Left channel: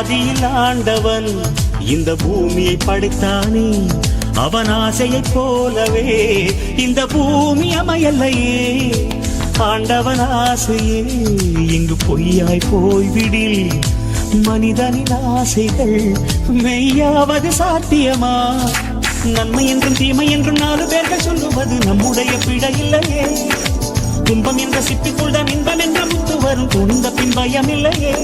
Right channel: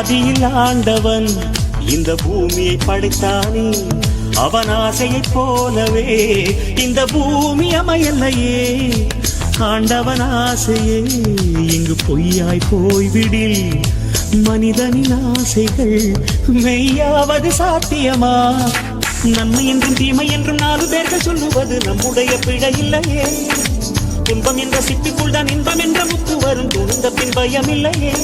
ஆதியில் ஆண்டவன் இந்த பூமியை படைத்தானே, அவன் ஆசையைப் போலவே இந்த பூமி அமையலையே. ஆண்டவன் ஆசையே இங்கு பொய்யாய் போய்விடில், மனிதனின் ஆசைகள் மெய்யாவது சாத்தியமா? நன்மை என்றும் தீமை என்றும் 4 பேர்கள் சொல்லுவது நம்முடைய பிழை இல்லையே. துன்பம் என்ற சிட்டுக்குள் தான் இன்பம் என்ற முத்து வரும், துணிந்த பின் பயம் இல்லையே.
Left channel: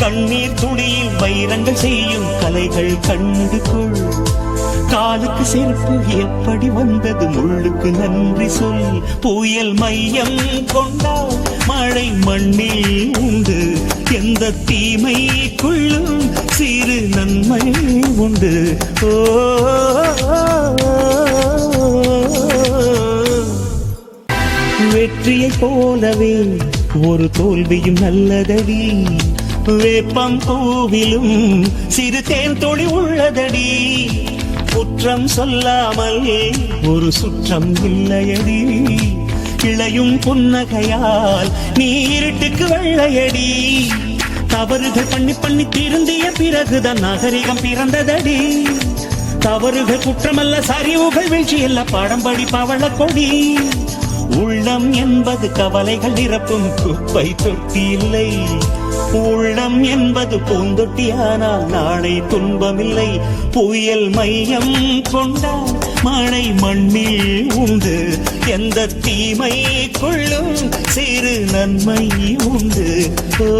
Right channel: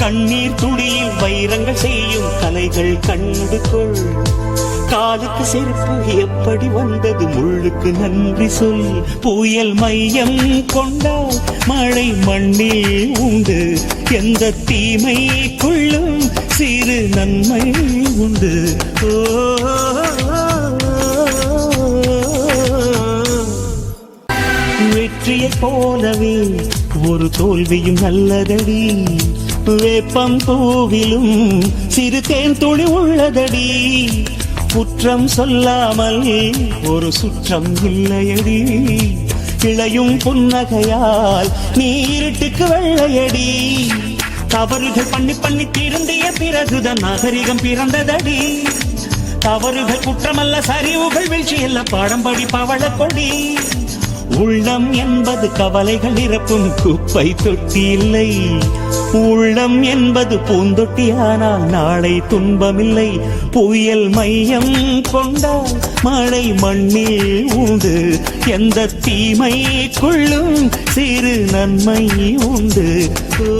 கண்ணீர் துணியில் வைரங்கள் செய்யும் கலைகள் கண்டு கொள். காலுக்கு செருப்பு எப்படி வந்தது, முள்ளுக்கு நன்றி சொல். புயல் மையம் கொண்டால் மழை மண்ணில் உண்டு, எந்த தீமைக்குள்ளும் சிறு நன்மை உண்டு. ஓ வெற்றியை போலவே ஒரு தோல்வியும் நல்லதடி, வேப்பம் பூவிலும் சிறு தேன் தொழி உள்ளதடி. குற்றம் சொல்லாமல் ஒரு சுற்றம் இல்லையடி, இளையும் புன்னகையால் நீ இருட்டுக்கு வெள்ளையடி. தவறுகள் பண்ணி பண்ணி திருந்திய பிறகுதான் நாகரிகம் பிறந்ததடி. தவறுகள் குற்றமல்ல, சரிவுகள் வீழ்ச்சியல்ல, பாடம் படி பவள கொடி. உள்ளம் என்பது கவலைகள் நிரப்பும் குப்பை தொட்டி இல்லை, உள்ளம் என்பது பூந்தொட்டி, ஆனால் நாளை துன்பமில்லை. புயல் மையம் கொண்டால் மழை மண்ணில் உண்டு, எந்த தீமை கொள்ளும் சிறு நன்மை உண்டு. ஓ